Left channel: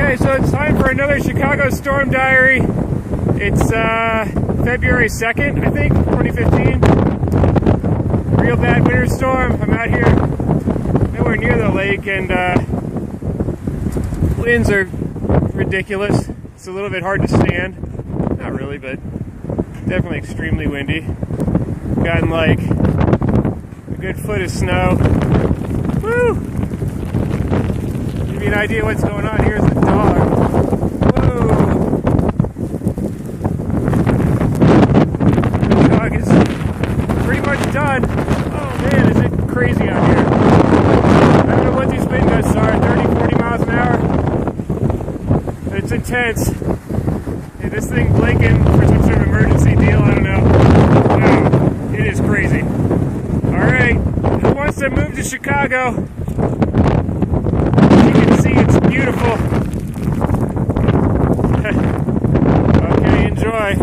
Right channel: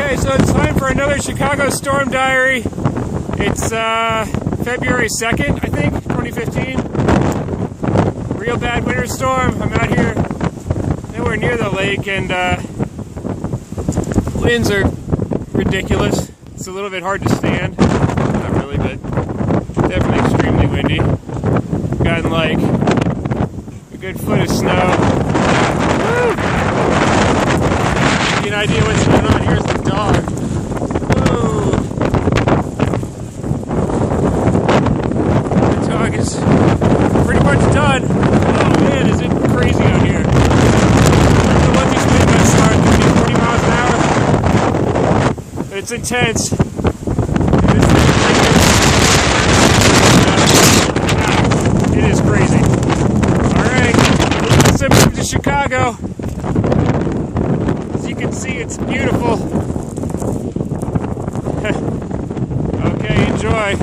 Okay, so it's time for another Chicago Storm Diary. It's February 2nd, I think, 2015. Real bad winter storm. I'm out here nowhere near the lake, and winds are ridiculous. It's a little bit hard to stand. Not really, but definitely extremely windy. Gotten like a good foot of snow. Woo! Give you an idea what's going on. Here's the dog. Whoa! The dog is pretty much done. Oh man, is it crazy out here. Remember the ones these wind gusts are, 30, 40 miles an hour. It's intense. And this thing is Lincoln. It is crazy. Alright, once I move to Chicago, as you can see, it's beautiful. Okay, enjoy.